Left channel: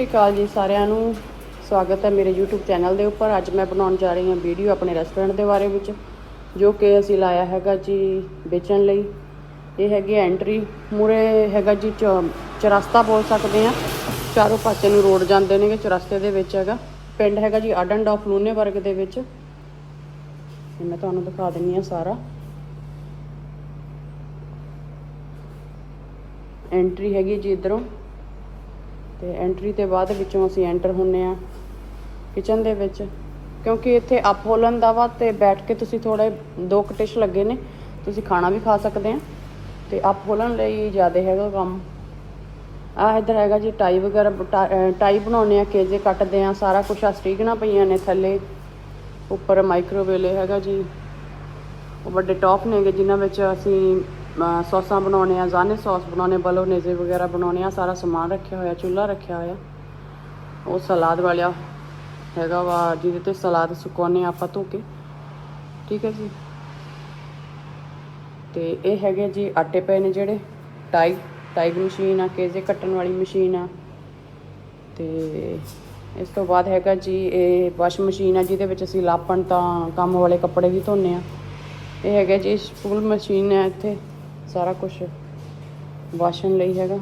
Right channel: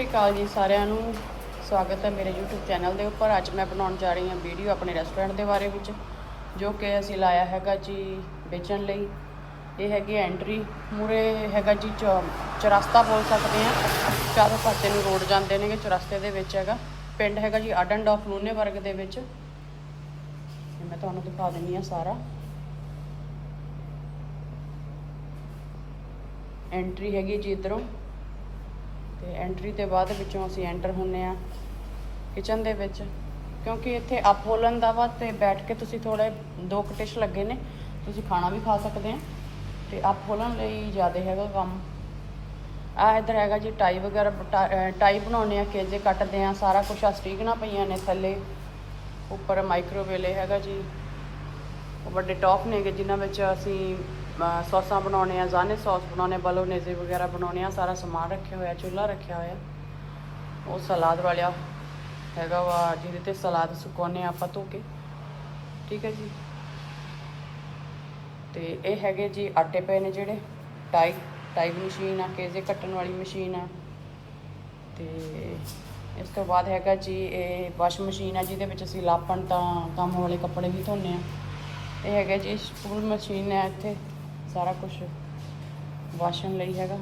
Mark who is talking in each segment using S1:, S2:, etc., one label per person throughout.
S1: ਸਤਿ ਸ਼੍ਰੀ ਅਕਾਲ ਜੀ ਸਾਰਿਆਂ ਨੂੰ। ਸਵਾਗਤ ਹੈ ਮੇਰੇ YouTube ਚੈਨਲ ਦੇ ਉੱਪਰ। ਅੱਜ ਮੈਂ ਬਣਾਉਣ ਜਾ ਰਹੀ ਹਾਂ ਵੀਡੀਓ ਆਪਣੇ ਰੈਸਟੋਰੈਂਟ ਦੇ ਬਾਰੇ ਵਿੱਚ, ਜੋ ਕਿ ਅਸੀਂ ਲਾਇਆ ਹੈਗਾ ਜੀ ਵੇਚਣ ਲਈ। ਇਹ ਹੈਗੀ ਐਂਟਰੀ ਮੂਰੇ ਹੈਗਾ ਜੀ ਚੌ- ਚੁਰਸਤਾ ਬੋਲ ਸਕਦੇ ਆ ਚਾਰੋਂ ਪਾਸੇ ਨੂੰ ਰੋਡ ਜਾਂਦੇ ਨੇਗੇ, ਚੁਰਸਤੇ ਦੇ ਵਿੱਚ ਹੈਗਾ। ਪਿੰਡ ਹੈਗਾ ਜੀ ਆਡਨ ਡਾਫ ਲੂਨੇ ਵਰਗ ਦੇ ਵਿੱਚ। ਮੈਂ ਤੁਹਾਨੂੰ ਦਿਖਾ ਦਿੰਦੀ ਹਾਂ ਸਾਰਾ। ਐਂਟਰੀ ਹੈਗੀ ਜੀ ਇਧਰੋਂ। ਤੇ ਐਂਟਰੀ ਤੇ ਬਾਅਦ ਵਿੱਚੋਂ ਅਸੀਂ ਐਂਟਰ ਹੁੰਨੇ ਆ ਕਿਚਨ ਦੇ ਵਿੱਚ। ਕਿਉਂਕਿ ਇੱਥੇ ਅਪ ਹੋਲਨ ਦਾ ਵਾ ਤੇ ਬੈਠ ਕੇ ਤੁਸੀਂ ਥੋੜੇ ਦੋ ਕੁ ਲੱਗੇ ਨੇ, ਤੁਸੀਂ ਖਾਣਾ ਵੀ ਖਾ ਸਕਦੇ ਆ ਤੇ ਅਪ ਹੋਲਨ ਲਈ ਜ਼ਿਆਦਾ ਹੈਗਾ ਕੰਮ। ਆ ਇੱਧਰ ਹੈਗਾ ਜੀ ਟਾਈ ਵਗੈਰਾ ਬਟਾ- ਟਾਈ ਬਣਾਉਣੇ ਆ ਕੇਜੇ ਕੱਟਦੇ ਆ ਸਾਰਾ ਕੁਝ ਆ ਸਟੀਕਨਾਂ ਪਈਆਂ ਨੇ ਥੱਲੇ। ਉੱਪਰ ਮਾਈਕ੍ਰੋਵੇਲੇ ਹੈਗਾ ਜੀ। ਵੱਡੇ ਟੌਪ ਨੇਗੇ ਜਿਨ੍ਹਾਂ ਵਿੱਚ ਅਸੀਂ ਸੌਸਾਂ ਬਣਾਉਣੇ ਆ ਜ਼ਾਨੇ ਸੌਸ ਬਣਾਉਣੇ ਬਲੋਨੇਜ਼ੇ ਵਗੈਰਾ ਬਣਾਉਣੇ ਆ, ਸਾਰਾ ਸਮਾਨ ਰੱਖਿਆ ਹੋਇਆ, ਚੁੱਲ੍ਹਾ ਰੱਖਿਆ ਹੋਇਆ। ਉਹ ਸਲਾਦ ਵਾਲਿਆ ਹੈਗਾ ਵਾ, ਜਿਹਦੇ ਤੇ ਸਲਾਦ ਸੁਕਾਉਣੇ ਆਪਾਂ ਧੋ ਕੇ। ਠੀਕ ਹੈ ਜੀ? ਤੇ ਇਹ ਹੈਗੇ ਜੀ ਆਟੇ ਪਏ ਨੇ ਜਿਹੜੇ, ਟਾਈ ਟਾਈ ਮਸ਼ੀਨ ਆ, ਕੇਜੇ ਕੱਟਣ ਵਾਲੀ ਮਸ਼ੀਨ ਆ। ਤੇ ਇਸ ਤੋਂ ਬਾਅਦ ਹੈਗਾ ਜੀ, ਇਹ ਵਾਸ਼ ਮਸ਼ੀਨ ਆ, ਜਿਹਦੇ ਵਿੱਚ ਅਸੀਂ ਲਾਪਣ ਤਾਂ ਕੰਮ ਵਾਲੇ ਕੱਪੜੇ ਵੀ ਧੋਨੇ ਆ। ਇਹ ਹੈਗਾ ਜੀ ਸਪੂਲ ਮਸ਼ੀਨ ਹੈ ਇੱਥੇ। ਸਾਰਾ ਕੁਝ ਵਾਸ਼ਣ ਲਈ ਹੈਗਾ।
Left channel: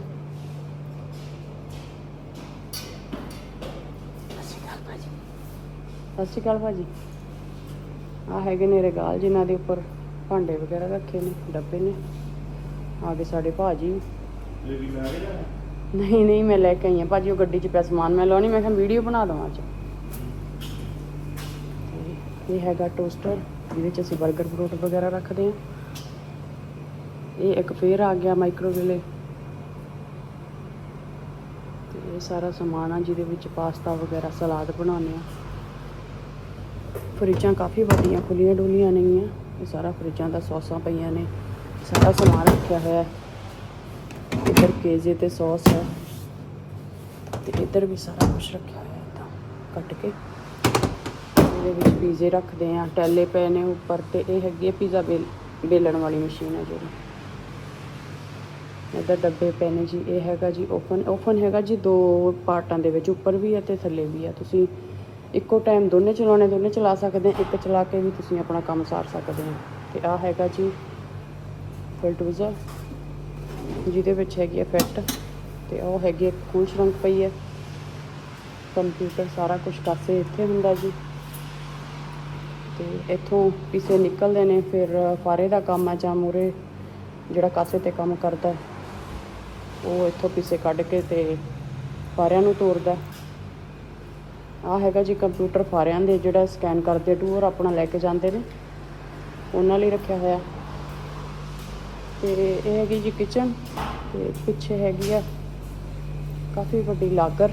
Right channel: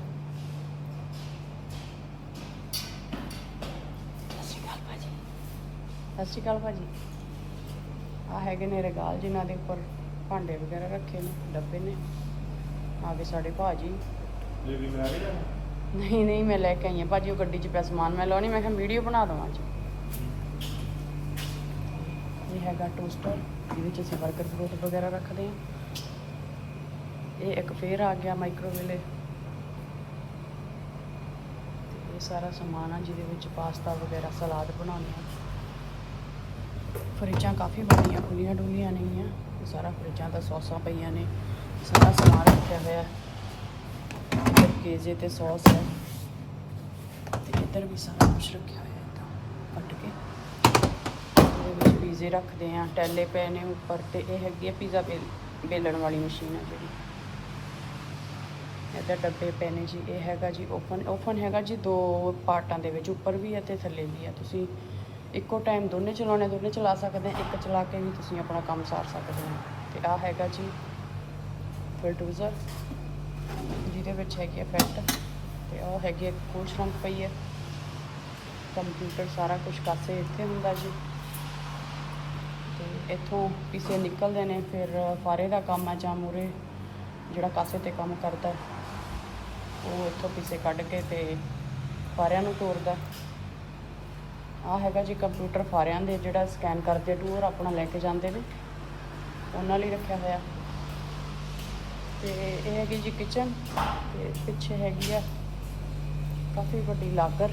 S1: ਸਤਿ ਸ਼੍ਰੀ ਅਕਾਲ ਭਾਜੀ। ਆ ਹੈਗੇ ਨੇ ਰਗਾਲ ਜਿਨ੍ਹਾਂ ਦੇ ਉੱਪਰ। ਭਾਂਡੇ ਵਗੈਰਾ ਰੱਖੇ ਨੇ, ਡੱਬੇ ਨੇ। ਆ ਗਏ ਸਾਡੇ ਭਾਜੀ। ਨਹੀਂ ਨਹੀਂ, ਮੈਂ ਲੈ ਕੇ ਆਈ ਹਾਂ। ਭਾਜੀ, ਉਹ ਗੱਡੀ 'ਚ ਪਿਆ ਸਮਾਨ। ਮੈਂ ਲਾਉਣੀ, ਮੈਂ ਕਿਹਾ ਵੀਡੀਓ ਬਣਾ ਦਵਾਂ ਅੱਜ। ਇਹ ਹੈਗਾ ਟੋਸਟਰ, ਜਿਹਦੇ 'ਚ ਅਸੀਂ 버ਗਰ ਫਰੂਟ ਵਗੈਰਾ ਰੱਖਦੇ ਹਾਂ। ਇਹ ਇੱਕ ਫੇਰ ਆ ਗਿਆ ਮਾਈਕ੍ਰੋਵੇਲੇ ਤੇ ਇਹ ਸਾਰਾ ਸਮਾਨ ਆ ਜਿਹਦੇ ਵਿੱਚ ਪਾਸਤਾ ਵਗੈਰਾ, ਸਲਾਦ ਬਣਾਉਣੇ ਆ। ਫਰਿੱਜਾਂ ਕਾਫੀ ਵੱਡੀਆਂ ਖੁੱਲੀਆਂ ਡੁੱਲੀਆਂ ਨਹੀਂ ਆ ਇਹ ਸਾਰਾ ਫਰਿੱਜਾਂ ਦਾ ਸੌਸਾਂ ਪਈਆਂ ਨੇ। ਸਾਰਾ ਸਮਾਨ ਰੱਖਿਆ ਹੋਇਆ। ਇੱਧਰ ਪੇਜੇ ਤੇ ਸੌਸ ਹੈ ਤੇ ਇੱਧਰ ਵੀ ਸਾਰਾ ਕੁਝ ਰੱਖਿਆ ਹੋਇਆ ਕੱਟ ਕੇ। ਇਹਦੇ ਵਿੱਚ ਪੀਜ਼ੇ ਰੱਖਦੇ ਆ। ਟੈਲੇ ਪਏ ਨੇ ਉੱਪਰ ਤੇ ਇਹ ਹੈਗੀ ਹੈ ਪੀਜ਼ਾ ਬੇਲ ਬੇਲਣ ਵਾਲੀ ਮਸ਼ੀਨ ਹੈ ਜਿਹੜੀ। ਇਹਦੇ ਡੱਬੇ ਪਏ ਨੇ ਜੀ, ਇਹ ਹੈਗਾ ਜੀ ਓਪਨ ਓਪਨ ਹੈਗਾ ਜੀ ਦੋ ਪਾਰਟਾਂ ਦੇ ਵਿੱਚ, ਉੱਪਰ ਵੀ ਹੈ ਤੇ ਥੱਲੇ ਵੀ ਹੈ। ਤੁਸੀਂ ਇੱਕੋ ਟਾਈਮ ਦੋਨੇ ਚਲਾਉਣੇ, ਦੋਨੇ ਚਲਾ ਸਕਦੇ ਇੱਕ ਚਲਾ ਕੇ ਵੀ ਤੁਸੀਂ ਆਪਣਾ ਕੰਮ ਸਾਰ ਸਕਦੇ ਹੋ। ਤੇ ਆ ਹੈਗਾ ਜੀ ਫਿਲਟੂਜ਼ਰ ਜਿਹਦੇ ਵਿੱਚ ਹੈਗੀ ਹੈ ਪੈਟ ਤੇ ਉਹ ਹੈਗੀ ਹੈ ਖੂਨ ਸ਼ਰੰਕ ਪਈ ਹੈ। ਕੰਪਿਊਟਰ ਸਾਰਾ ਕੁਝ ਕਾਸੇ ਇੱਥੇ ਹੁੰਦਾ ਜੀ। ਤੇ ਇੱਥੋਂ ਕਿਸੇ ਨਿਕਲਦੇ ਨੇ, ਫਿਰ ਫਾਰੇ ਦਾ ਕੰਮ ਆ ਜਾਂ ਮੂਹਰੇ, ਜਿਹੜਾ ਕਾਸੇ ਤੇ ਕੰਮ ਕਰਦਾ ਉਹ ਇੱਥੋਂ ਪੀਸੇ ਕੱਢ ਕੇ ਤੇ ਫਾਰਿਆਂ ਨੂੰ ਤੋੜਦਾ ਆ ਹੈਗਾ ਜੀ ਕੰਪਿਊਟਰ ਫਾਰਿਆਂ ਦੇ, ਜਿਹੜਾ ਸਕੈਨ ਕਰਦੇ ਟੂਰ ਆਪਣਾ ਲੈ ਕੇ ਜਾਂਦੇ ਨੇ। ਉਹਨਾਂ ਲਈ ਰੱਖਿਆ ਹੋਇਆ। ਤੇ ਇਹ ਹੈਗੀ ਜੀ ਕਿਚਨ ਤੇ ਪਿੱਛੇ ਹੈਗੀ ਆ ਕਾਫੀ ਵੱਡੀ ਲਾਕਰ।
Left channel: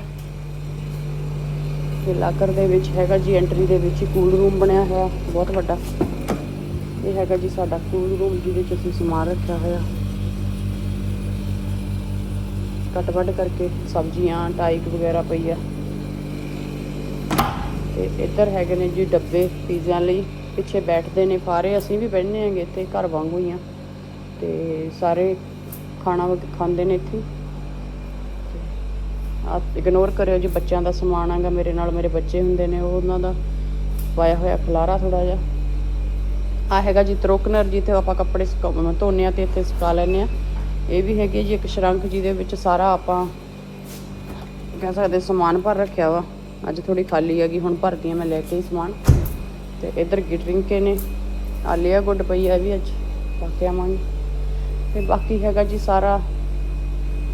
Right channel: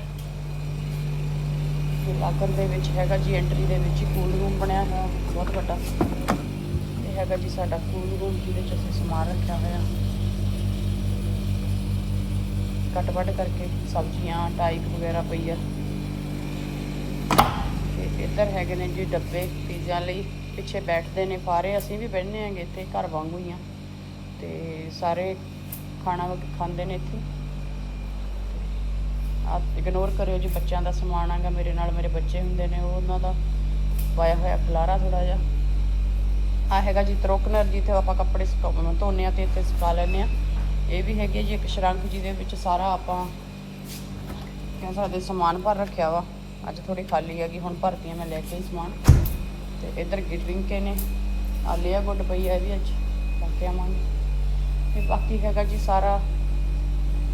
S1: ਤੇ ਲਾਕਰ ਦੇ ਵਿੱਚ ਹੈਗਾ ਜੀ ਐਂਟਰੀ ਦੇ ਵਿੱਚ ਹੀ ਕੂਲ ਰੂਮ ਬਣਿਆ ਹੋਇਆ, ਬਹੁਤ ਵੱਡਾ। ਇਹ ਹੈਗਾ ਜੀ ਸਾਡਾ ਕੂਲ ਰੂਮ ਜਿਹਦੇ ਵਿੱਚ ਅਸੀਂ ਸਮਾਨ ਰੱਖਿਆ ਹੋਇਆ। ਕੱਟ ਕੱਟ ਕਰਕੇ ਸਬਜ਼ੀਆਂ ਟਾਈਕ ਵਗੈਰਾ ਪਈ ਆ। ਤੇ ਇੱਧਰ ਹੈਗੇ ਨੇ ਜੀ ਡੱਬੇ ਪੀਜ਼ਿਆਂ ਲਈ। ਪਿੱਛੇ ਬੈਠਦੇ ਨੇ ਸਾਰੇ, ਅਸੀਂ ਵੀ ਬੈਠਨੇ ਹੈਗੇ ਇੱਥੇ, ਘਰ ਵਾਂਗੂ ਹੀ ਆ। ਤੇ ਸਾਰੇ ਖਾਣਾ ਖਾਂਦੇ ਨੇ ਇੱਥੇ। ਆ ਇਗਨੋਰ ਕਰਿਓ ਜੀ ਬੱਚਿਆਂ ਦਾ ਸਮਾਨ ਆਗਾ ਮੇਰੇ ਨਾਲ ਮੇਰੇ ਬੱਚੇ ਹੁੰਦੇ ਨੇ, ਉਹ ਉਹਨਾਂ ਦਾ ਪਾਇਆ ਹੋਇਆ ਖਲਾਰਾ ਥੋੜਾ ਜਿਹਾ। ਆ ਹੈਗਾ ਜੀ ਤਰੋਕਨਰ ਜੀ ਤੇ ਆਪਾਂ ਕੱਪੜੇ ਸੁਕਾ- ਧੋਨੇ ਆ ਤੇ ਇੱਥੇ ਸੁਕਾ ਲੈਂਦੇ ਆ। ਇਹ ਵੀ ਹੈਗੀ ਜੀ, ਇੱਕ ਸ਼ਰੰਖ ਜਿਹਦੇ ਵਿੱਚ ਸਾਰਾ ਆਪਾਂ ਕਹਿ ਸਕਦੇ ਸਮਾਨ ਭਰ ਰੱਖਿਆ ਵਾ। ਅੱਜ ਥੋੜੀ ਖਾਲੀ ਹੈਗੀ, ਹੁਣ ਭਰਦੀ ਆ ਮੈਂ ਲੈ ਕੇ ਹੀ ਸਮਾਨ। ਤੇ ਇੱਧਰ ਗਿਟਰਿੰਕੇ ਨੇ। ਆਲੀਆ ਗੁੱਡ ਪਈ ਆ ਵੀ ਅੱਜ, ਪਾ ਕੇ ਆਵਾਂਗੇ। ਤੇ ਬਾਕੀ ਹੈਗਾ ਜੀ ਸਾਰਾ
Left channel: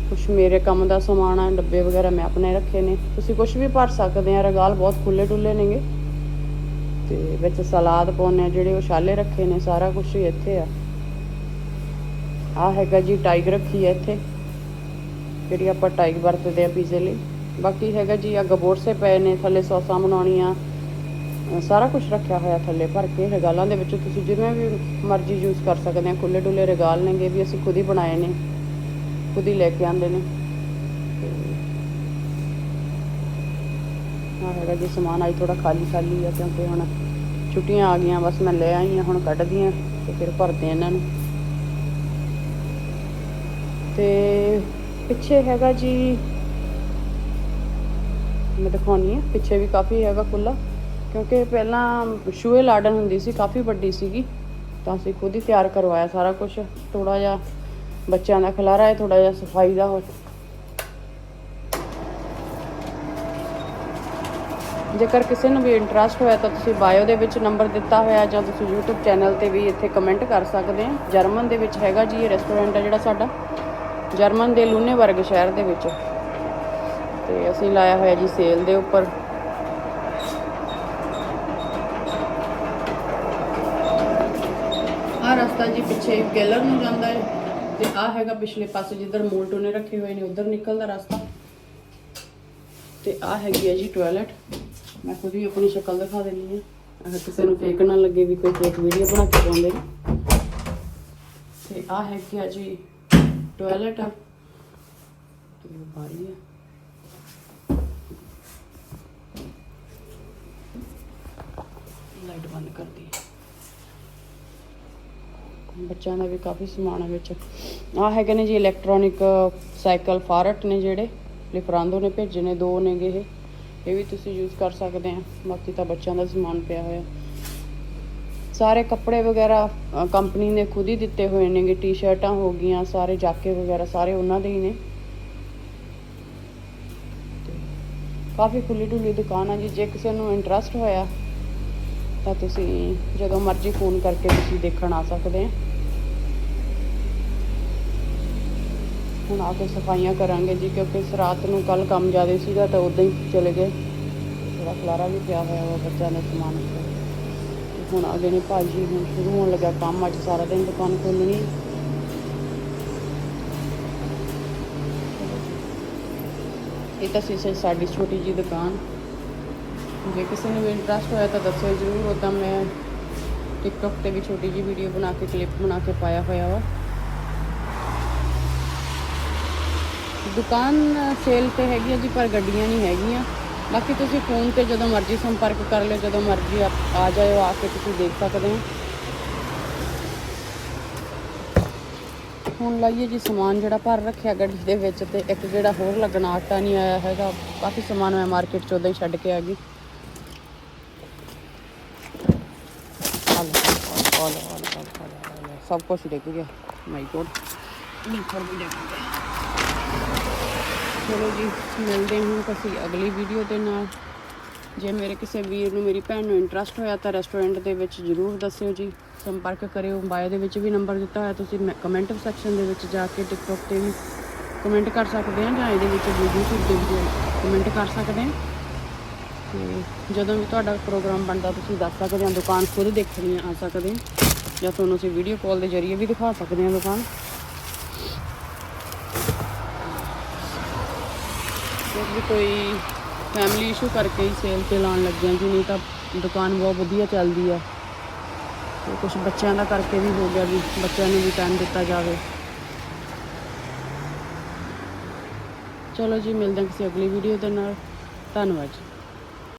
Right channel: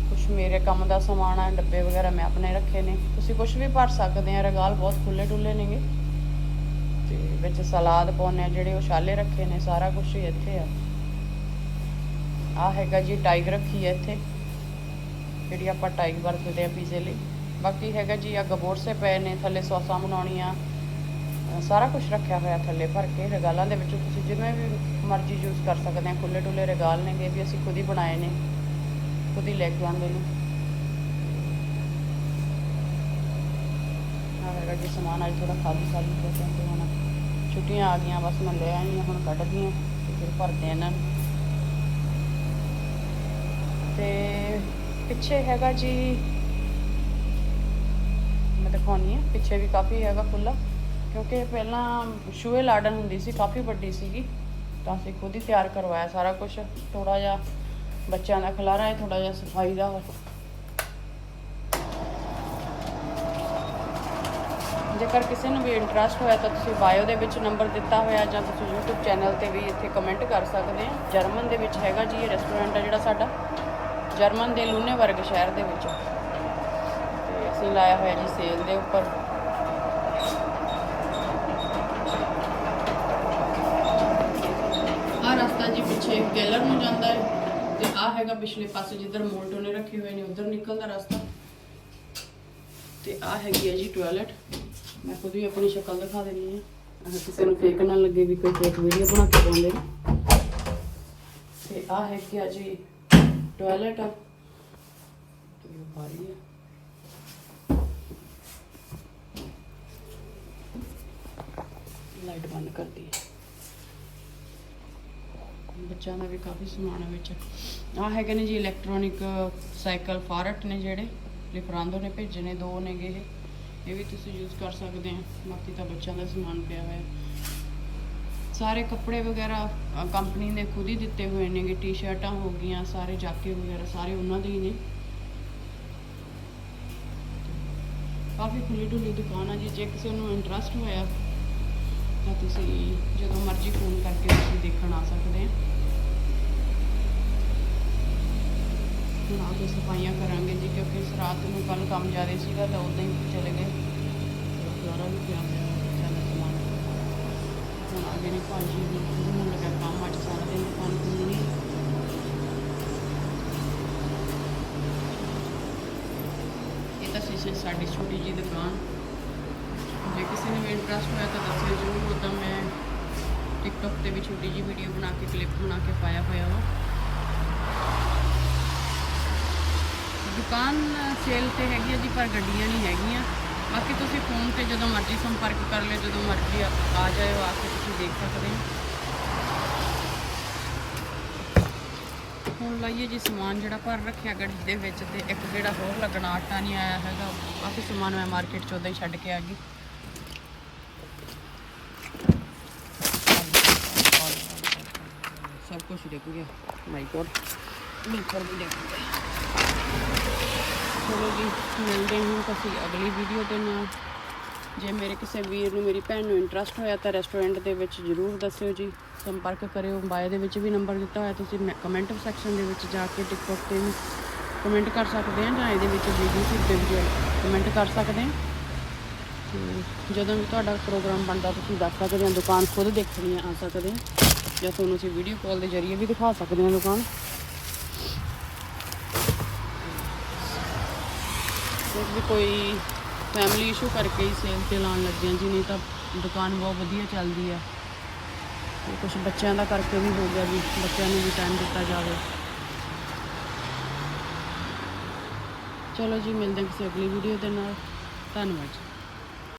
S1: ਕੁਛ ਮੇਰੇ ਕੰਮ ਦਾ ਸਮਾਨ ਆ, ਡੱਬੇ ਵਗੈਰਾ ਮੈਂ ਆਪਣੇ ਰੱਖੇ ਨੇ। ਤੁਸੀਂ ਕੁਝ ਵੀ ਭਰ ਸਕਦੇ ਆ, ਰਗਾਲ ਬਹੁਤ ਖੁੱਲੇ ਡੁੱਲੇ ਨੇਗੇ। ਤੇ ਵਿੱਚ ਸਲਾਦ ਪਾਉਣੇ ਆ, ਜਿਹੜੇ ਉਛਾਲੇ ਰੱਖੇ ਨੇ, ਸਾਰਾ ਕੁਝ ਇੱਥੇ ਆ। ਆ ਹੈਗਾ ਜੀ ਟਾਈਗ ਰੱਖੀ ਹੈ ਇੱਥੇ, ਜਿਹੜੀ ਆਪਾਂ ਟਾਈਗ ਵਰਤਦੇ ਆ ਪੀਜ਼ੇ ਲਈ। ਬਾਕੀ ਹੈਗਾ ਜੀ ਆ ਗਬੋਰਸੇ ਪਏ ਨੇ, ਥੱਲੇ ਸੌਸਾਂ ਬਣਾਉਣੀਆਂ। ਸਾਰਾ ਕੁਝ ਰੱਖਿਆ ਹੋਇਆ ਥੱਲੇ ਭਰ ਕੇ, ਰਗਾਲਾਂ ਦੇ ਵਿੱਚ ਤੁਸੀਂ ਜਿਵੇਂ ਵੀ ਮਰਜ਼ੀ ਯੂਜ਼ ਕਰ ਸਕਦੇ ਆ ਖੁੱਲੇ ਡੁੱਲੇ ਰਗਾਲ ਨੇਗੇ ਵੀ ਅਸੀਂ ਖੁਦ ਹੀ ਬਣਾਏ ਨੇ, ਖੁਦ ਹੀ ਲੈ ਕੇ ਆਂਦੇ ਨੇ। ਹਾਂ ਹੈਗਾ ਜੀ ਸਮਾਨ ਆਈ ਥੋੜਾ ਖਾਲੀ ਖਾਲੀ ਆ, ਕਿਉਂਕਿ ਹੁਣ ਛੁੱਟੀਆਂ ਆ ਗਈਆਂ, ਬਸ ਮੈਂ ਲੈ ਆਈ ਹਾਂ, ਹੁਣ ਕੱਢਦੀ ਹਾਂ ਤੇ ਫਿਰ ਭਰਦੇ ਇਹਨਾਂ ਨੂੰ। ਤੇ ਪਿੱਛੇ ਹੈਗਾ ਜੀ, ਮੈਂ ਦਿਖਾਉਣੀ ਹੈ ਪਿੱਛੇ ਵੀ ਕਾਫੀ ਹੈਗਾ ਖੁੱਲਾ ਕਿਉਂਕਿ ਪਹਿਲਾਂ ਸ਼ੂਏ ਲਾਡਨ ਹੁੰਦੀ ਸੀ, ਕਾਫੀ ਵੱਡੀ ਸੀਗੀ, ਤਾਂ ਅਸੀਂ ਖੁਦ ਹੀ ਤਿਆਰ ਕਰਵਾਇਆ ਸਾਰਾ ਕੁਝ ਥੋੜਾ ਜਿਹਾ ਬੱਚਿਆਂ ਦਾ ਖਲਾਰਾ ਹੈ ਥੋੜਾ ਜਿਹਾ ਸਫ਼ਾਈ ਦਾ ਹੋ ਜੇਕਰ ਕਿਸੇ ਨੂੰ ਵੀ ਇੰਟਰਸਟ ਹੋਇਆ ਤਾਂ ਤੁਸੀਂ ਬਾਇਓ ਦੇ ਵਿੱਚ ਨੰਬਰ ਦਿੱਤਾ ਹੋਇਆ ਜਾਂ ਤੁਸੀਂ YouTube ਚੈਨਲ ਤੇ ਵੀ ਇੱਥੇ ਕਮੈਂਟ ਕਰ ਸਕਦੇ ਹੋ ਜਰਮਨ ਦੇ ਵਿੱਚ ਹੈਗਾ ਜੀ ਇਹ ਰੈਸਟੋਰੈਂਟ ਹੈ ਜਿਹੜਾ ਸਾਡਾ। ਜਰਮਨ ਦੇ ਲੂਨੇਬਰਗ ਸ਼ਹਿਰ ਦੇ ਵਿੱਚ। ਤੇ ਅਸੀਂ ਲਾਇਆ ਹੋਇਆ ਜੀ ਸੇਲ ਦੇ ਉੱਪਰ। ਆਹ ਰਸਤਾ ਜੀ ਪਿੱਛੇ ਕੇਲਰ ਨੂੰ ਜਾਂਦਾ ਹੈ। ਤੇ ਆਹ ਹੈਗਾ ਪਿਛਲੇ ਪਾਸੇ ਜਿੱਧਰ ਮੋਲਟੋ ਨੇ ਰੱਖੇ ਹੋਏ ਨੇ, ਉਧਰ ਨਿਕਲਦਾ ਰਸਤਾ। ਤੇ ਆਹ ਹੈਗੀ ਹੈ ਜੀ ਟਾਇਲਟ। ਮੈਂ ਖੁਦ ਵੀ ਆਪਣੀ ਸ਼ਕਲ ਦਿਖਾ ਦਿੰਦੀ ਹਾਂ। ਅਗਰ ਕਿਸੇ ਨੂੰ ਫੇਕ ਨਾ ਲੱਗੇ ਵੀ ਕੋਈ ਫੇਕ ਵੀਡੀਓ ਬਣਾ ਕੇ ਪਾਉਂਦੇ ਨੇ। ਤੇ ਆਹ ਹੈਗੀ ਆ ਜੀ ਟਾਇਲਟ ਤੇ ਬਾਰੀ ਹੈ ਲਾਈਟ ਬੰਦ ਕਰ ਦੀ ਬੱਚਿਆਂ ਦਾ ਵੀ ਕਾਫੀ ਸਮਾਨ ਹੈ ਵਿੱਚ। ਆਹ ਹੈਗੇ ਨੇ ਜੀ ਇਲੈਕਟ੍ਰੋਨਿਕ ਸਾਈਕਲ ਫਾਰਟ ਨੇ ਜਿਹੜੇ। ਲਿਫਰਾਂਦੋ ਨੇ ਭੇਜੇ ਨੇ, ਦੋ ਨੇਗੇ ਇਹ। ਇਹ ਵੀ ਤੁਸੀਂ ਯੂਜ਼ ਕਰ ਸਕਦੇ ਆ। ਬਾਕੀ ਤਾਂ ਬੱਚਿਆਂ ਦਾ ਸਮਾਨ ਪਿਆ ਹੋਇਆ। ਸਾਰੇ ਕੱਪੜੇ ਵਗੈਰਾ ਕੰਪਨੀ ਨੇ ਖੁਦ ਹੀ ਦਿੱਤੇ ਹੋਏ ਨੇਗੇ ਟੀ-ਸ਼ਰਟਾਂ ਹੋ ਗਈਆਂ, ਸਾਰੇ ਜਾਕੇ ਵਗੈਰਾ ਸਾਰੇ ਉਹਨਾਂ ਦੇ ਹੀ ਨੇ। ਕਾਫੀ ਖੁੱਲੀ ਢੁੱਲੀ ਦੁਕਾਨ ਆ ਜੀ, ਜੇ ਕਿਸੇ ਨੂੰ ਇੰਟਰਸਟ ਹੋਇਆ, ਤਾਂ ਤੁਸੀਂ ਜਦੋਂ ਮਰਜ਼ੀ ਫੋਨ ਕਰਕੇ ਤੁਸੀਂ ਦੇਖਣ ਆ ਸਕਦੇ ਆ। ਹੁਣ ਆ ਕੇ ਸਫਾਈਆਂ ਕਰਾਂਗੇ ਜੀ, ਕਿਉਂਕਿ ਰਾਤ ਨੂੰ ਕੱਲ ਕੰਮ ਜ਼ਿਆਦਾ ਸੀਗਾ, ਤਾਂ ਉਦੋਂ ਹੀ ਚਲੇ ਗਏ। ਥੋੜਾ ਖਲਾਰਾ ਵੀ ਪਿਆ ਹੋਇਆ ਹੈ ਬੱਚਿਆਂ ਦੇ ਸਮਾਨ। ਹੁਣ ਆ ਗਏ ਨੇ ਭਾਜੀ ਹੁਣ ਸ਼ੁਰੂ ਹੋਣ ਲੱਗਾ ਕੰਮ, ਅੱਜ ਸਾਰਾ ਦਿਨ ਦੁਕਾਨ ਖੋਲਣੀ ਇਹ ਤਾਂ ਸੀ ਸੀ ਸਾਡੀ ਛੋਟੀ ਜੀ ਦੁਕਾਨ। ਜੇ ਕਿਸੇ ਨੂੰ ਵੀ ਇੰਟਰਸਟ ਹੋਇਆ ਤਾਂ ਦੱਸਿਓ ਜਰੂਰ ਉਦਾਂ ਮੈਂ ਟਿਕਟੌਕ ਤੇ ਵੀ ਛੋਟੀ ਜੀ ਵੀਡੀਓ ਬਣਾ ਕੇ ਕਲਿੱਪ ਬਣਾ ਕੇ ਪਾਇਆ ਹੋਇਆ ਵਾ। ਦੁਕਾਨ ਸੇਲ ਤੇ ਹੈਗੀ ਹੈ ਜੀ, ਪਰ ਗੱਡੀਆਂ ਨਹੀਂ ਹੈਗੀਆਂ। ਬਾਕੀ ਤੁਸੀਂ ਫੋਨ ਤੇ ਜਦੋਂ ਮਰਜ਼ੀ ਸੰਪਰਕ ਕਰ ਲਿਓ, ਜਦੋਂ ਮਰਜ਼ੀ ਆਪ- ਆ ਜਾਇਓ, ਆ ਕੇ ਤੁਸੀਂ ਦੇਖ ਸਕਦੇ ਹੋ। ਹੁਣ ਲਾਈਏ ਜੀ ਸਮਾਨ ਜਿਹੜਾ ਭਰ ਰੱਖਿਆ ਗੱਡੀ ਦੇ ਵਿੱਚ ਤੇ ਇੱਕ ਜਿਹੜਾ ਹੋਰ ਲੱਗਣਾ, ਆਟਾ ਨਹੀਂ ਆਇਆ ਹੈਗਾ। ਕਾਫੀ ਸਮਾਨ ਮੈਂ ਮਾਰਕੀਟ ਚ ਉਦਾਂ ਹੀ ਛੱਡ ਕੇ ਆ ਗਈ। ਸਭ ਕੁਝ ਦੇਖੂਗਾ ਮਾਈ ਗੋਡ ਨੀਚਰ ਵੀ ਦੇਖੂਗਾ ਚਲੋ ਜੀ, ਮਿਲਦੇ ਹਾਂ ਤੁਸੀਂ ਅਗਲੀ ਵੀਡੀਓ ਦੇ ਨਾਲ। ਜੇ ਮੇਰੇ ਕਿਸੇ ਵੀਰ ਨੂੰ ਮੇਰੀ ਭੈਣ ਨੂੰ ਇੰਟਰਸਟ ਹੋਇਆ ਤਾਂ ਰੈਸਟੋਰੈਂਟ ਦੇ ਵਿੱਚ ਜਰੂਰ ਦੱਸਿਓ ਜੀ। ਸੰਪਰਕ ਕਰਿਓ ਬਾਏ ਦੇ ਵਿੱਚ ਵੀ ਨੰਬਰ ਦਿੱਤਾ ਹੋਇਆ, ਤੁਸੀਂ ਕਮੈਂਟ ਸੈਕਸ਼ਨ ਦੇ ਵਿੱਚ ਜਾ ਕੇ ਟਿਕਟੌਕ ਤੇ ਵੀ ਕਮੈਂਟ ਕਰ ਸਕਦੇ ਹੋ ਜਾਂ ਇਹਦੇ ਵਿੱਚ YouTube ਦੇ ਵੀ ਕਮੈਂਟ ਕਰ ਸਕਦੇ ਹੋ। ਤੇ ਜਦੋਂ ਵੀ ਤੁਹਾਡਾ ਪ੍ਰੋਗਰਾਮ ਬਣਦਾ ਤੁਸੀਂ ਦੱਸ ਸਕਦੇ ਹੋ, ਦੁਕਾਨ ਖੁਦ ਦੇਖਣੀ ਆ ਸਕਦੇ ਹੋ। ਜਾਂ ਤੁਹਾਨੂੰ ਅਸੀਂ ਵੀਡੀਓ ਕਾਲ ਦੇ ਜ਼ਰੀਏ ਵੀ ਦਿਖਾ ਸਕਦੇ ਹਾਂ ਦੁਕਾਨ। ਵੀ ਕੋਈ ਫੈਮਿਲੀ ਇਸ਼ੂ ਕਰਕੇ ਹੀ ਸੇਲ ਤੇ ਲਾਉਣ ਲੱਗਿਆ ਜੀ ਨਹੀਂ ਤਾਂ ਦੁਕਾਨ ਬਹੁਤ ਵਧੀਆ ਚੱਲਦੀ ਆ, ਤੇ ਕੁਝ ਬੱਚਿਆਂ ਦਾ ਕਰਕੇ ਵੀ ਹੋ ਗਿਆ ਵੀ ਬੱਚਿਆਂ ਨੂੰ ਵੀ ਟਾਈਮ ਦਿੱਤਾ ਜਾਵੇ। ਚਲੋ ਜੀ, ਮਿਲਦੇ ਹਾਂ ਕਿਸੇ ਅਗਲੀ ਵੀਡੀਓ ਦੇ ਨਾਲ। ਧੰਨਵਾਦ ਜੀ।